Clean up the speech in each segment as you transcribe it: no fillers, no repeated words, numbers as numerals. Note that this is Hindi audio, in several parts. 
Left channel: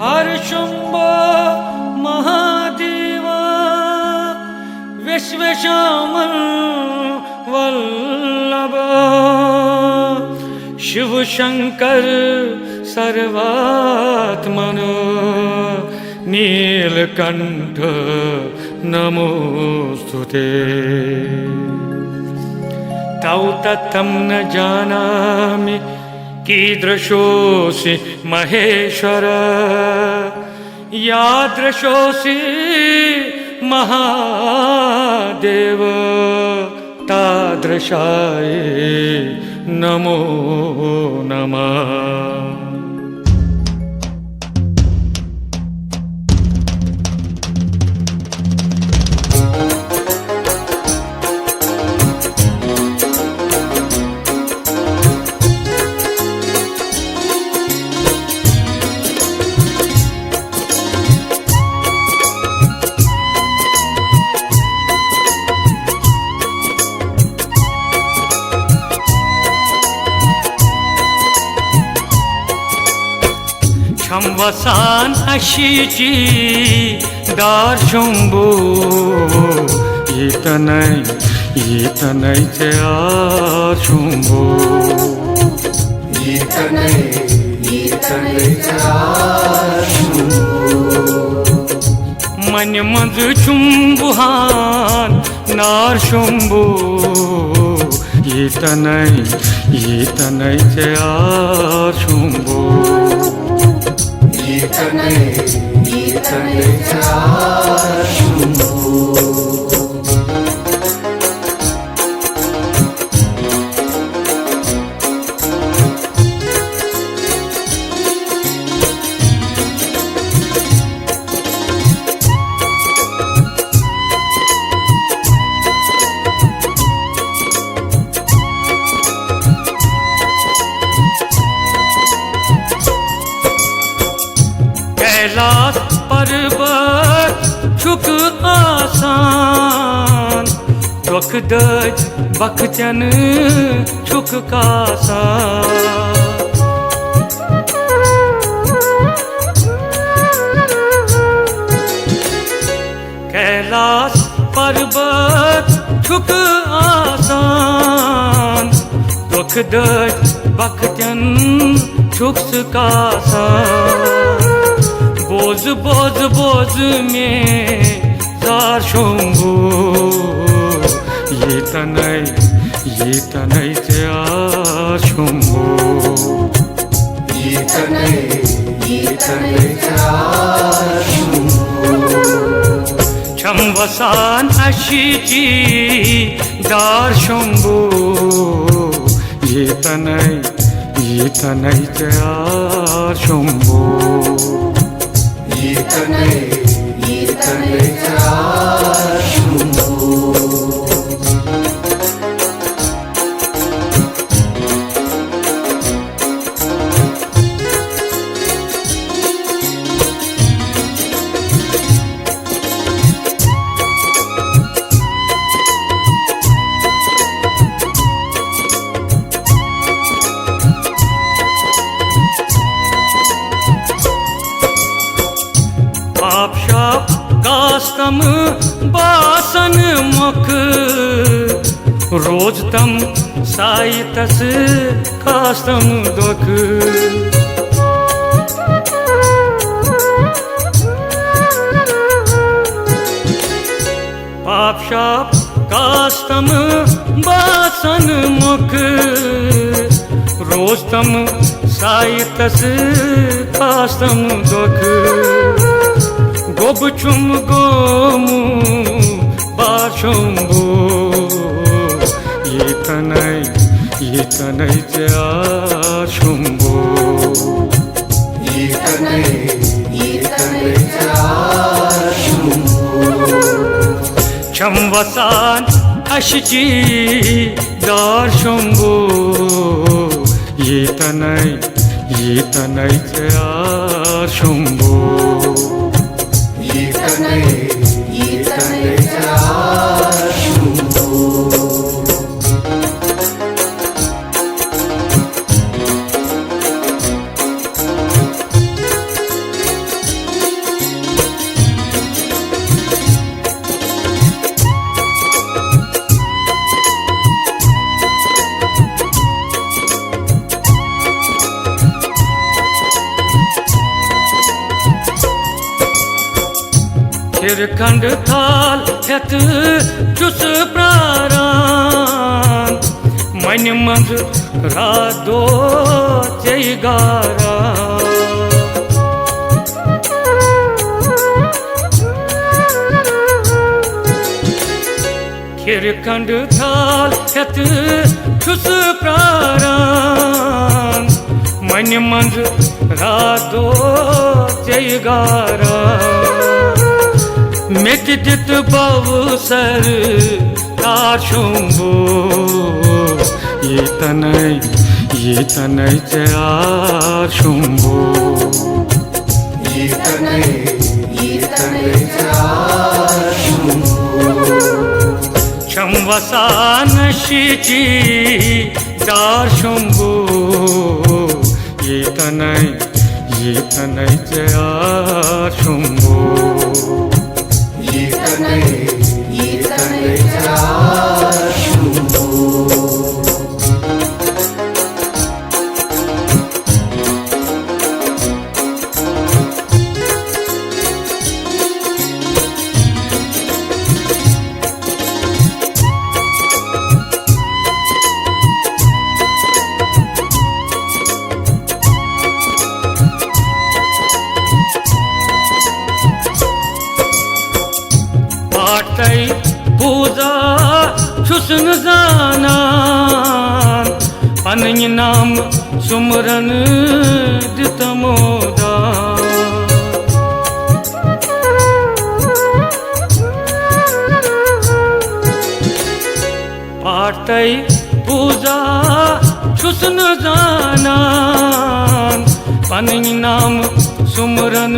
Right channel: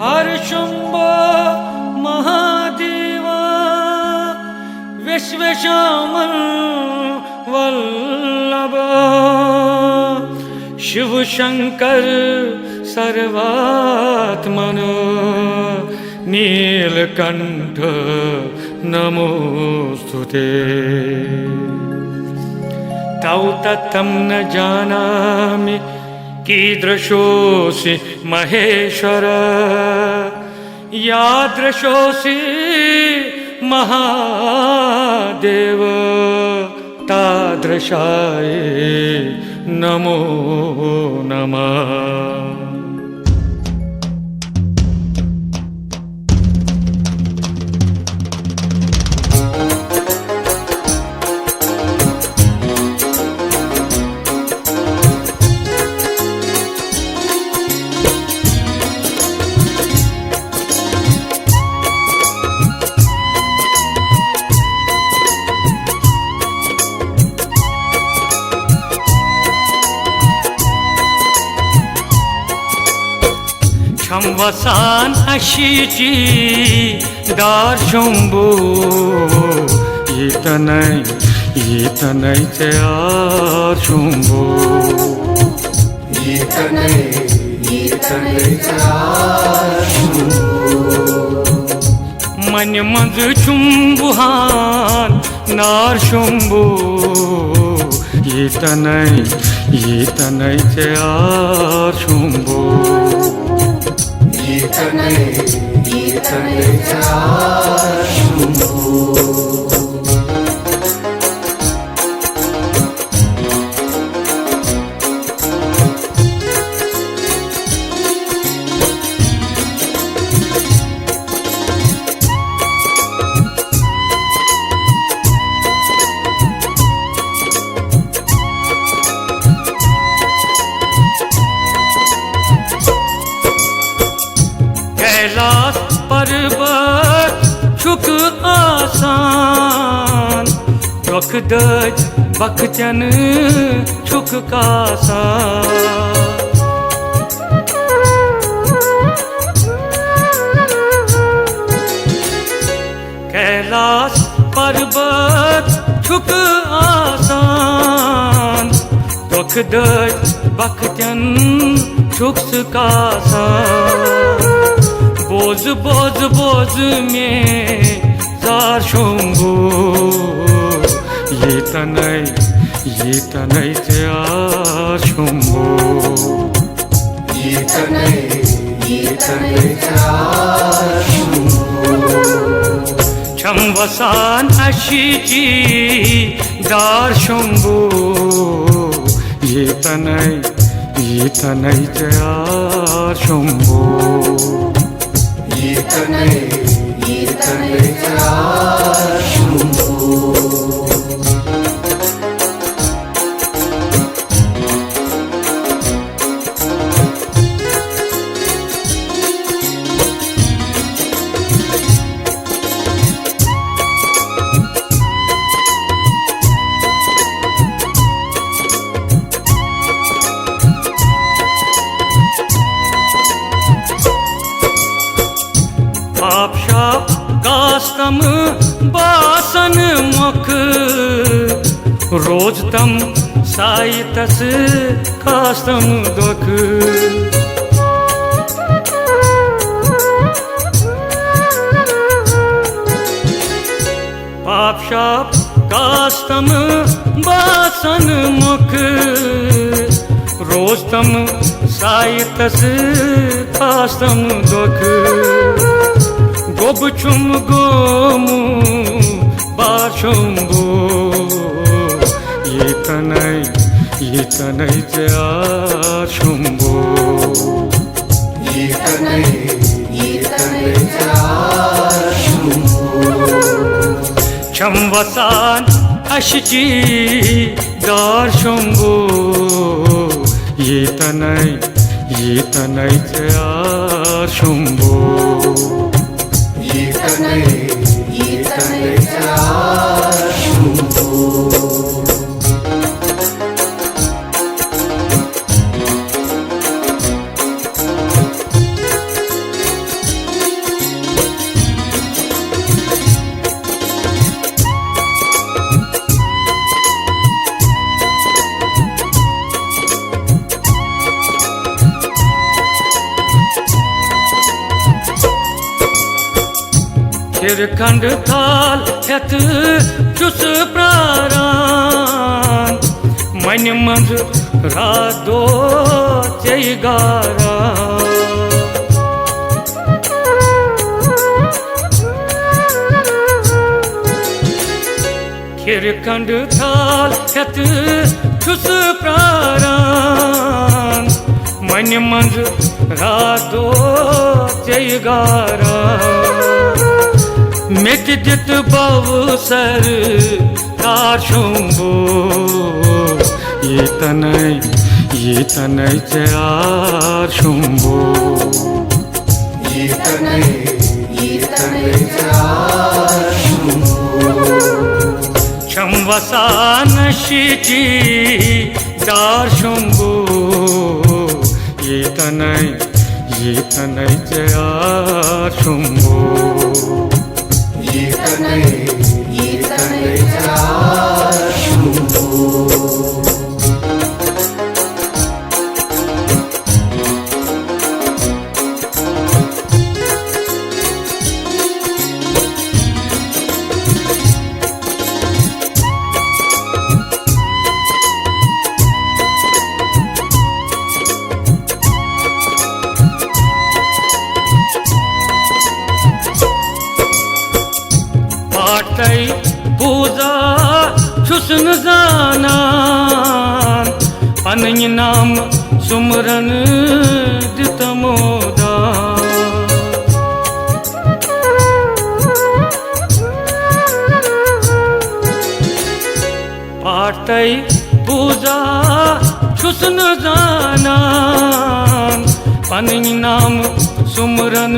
हर शंभो महादेवा विश्वशामल वल्लभ शिव शंकर सर्वात्मन नीलकंठ नमोस्तुते। तौ तत्थं न जानामि कीदृशोऽसि महेश्वर यादृशोऽसि महादेव तादृशाय नमो नमः। Çamvasan aşici dar şumbu yitanay te ar şumbu yitanay te ar şumbu Mani manzı çumbuhan nar şumbu yitanay te ar şumbu yitanay te ar şumbu Kailash पर्वत छुक आसान दुख दज बखचन छुक कासान कैलाश पर्वत छुक आसान दुख दज बखचन छुक कासान बोझ बोझ बोझ में jar Shambhu yitanay te ar şumbu yitanay te ar şumbu Çamvasan aşici dar şumbu yitanay te ar şumbu yitanay te ar şumbu पाप शाप कास्तम बासन मुख रोज तम साई तस कास्तम दुख पाप शाप कास्तम बासन मुख रोज तम साई तस कास्तम दुख गोब छुम गोमु बाशुम्बु yitanay te ar şumbu yitanay te ar şumbu Çamvasan aşici dar şumbu yitanay te ar şumbu yitanay te ar şumbu खिरखंड थाल हेत चुस प्रारान मन मंज रादो चेगारा खिरखंड थाल हेत चुस प्रारान मन मंज रादो चेगारा मिट दित बवसर तार शुंबो ये तनय चार शुंबो ये तनय चार शुंबो क्षमवसान शिची दार शुंबो ये तनय चार शुंबो ये तनय चार शुंबो पाटै पूजा छुसन जानान पन्य नाम सुमरन दितमोदा पाटै पूजा छुसन जानान पन्य नाम सुमरन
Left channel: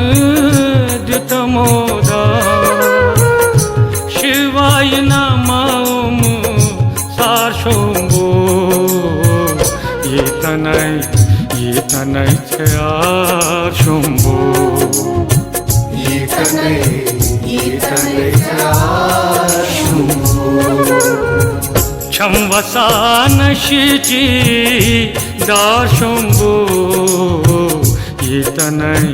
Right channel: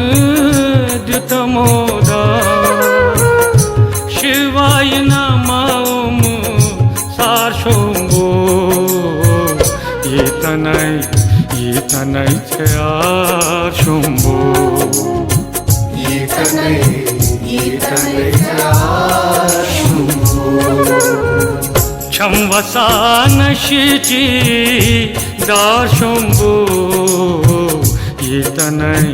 दितमोदा शिवाय नमः सार शुंबो ये तनय चार शुंबो ये तनय चार शुंबो क्षमवसान शिची दार शुंबो ये तनय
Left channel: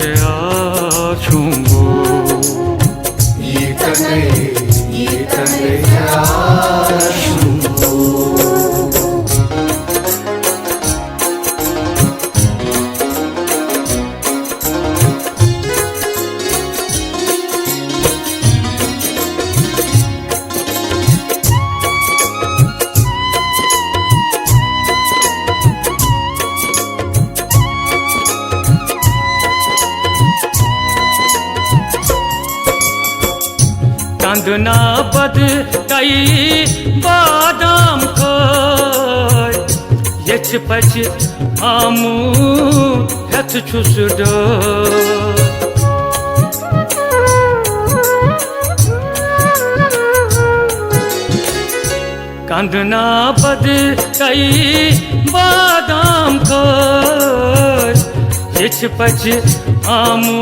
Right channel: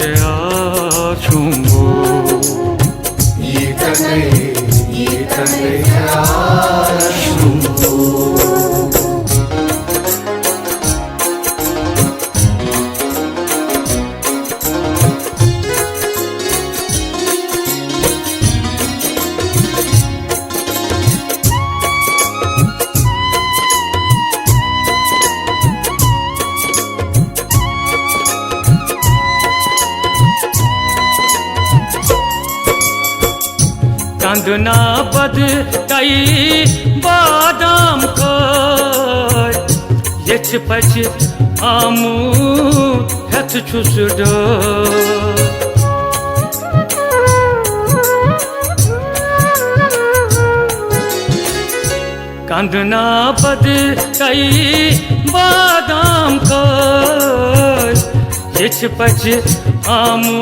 चार शुंबो ये तनय चार शुंबो कंदना बद तई बादाम खय यच पच आमू हेत छुस कंदना बद तई बादाम खय यच पच आमू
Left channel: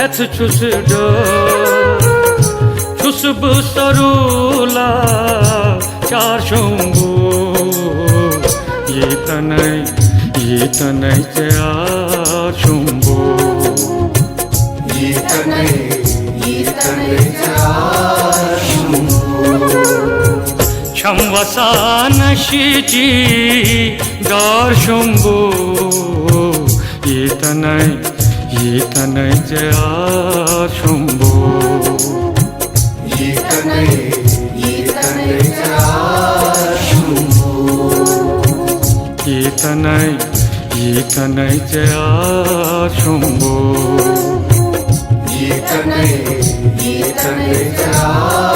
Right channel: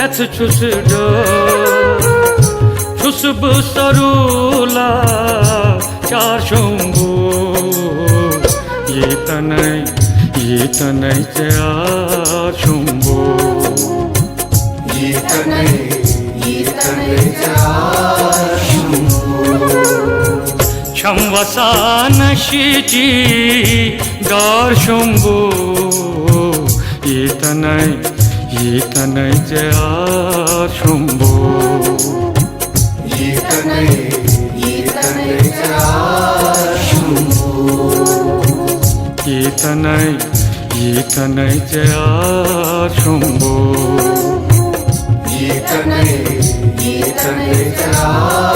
हेत छुस खुशबू सरूला चार शुंबो ये तनय चार शुंबो ये तनय चार शुंबो क्षमवसान शिची दार शुंबो ये तनय चार शुंबो ये तनय चार शुंबो ये तनय चार शुंबो ये तनय चार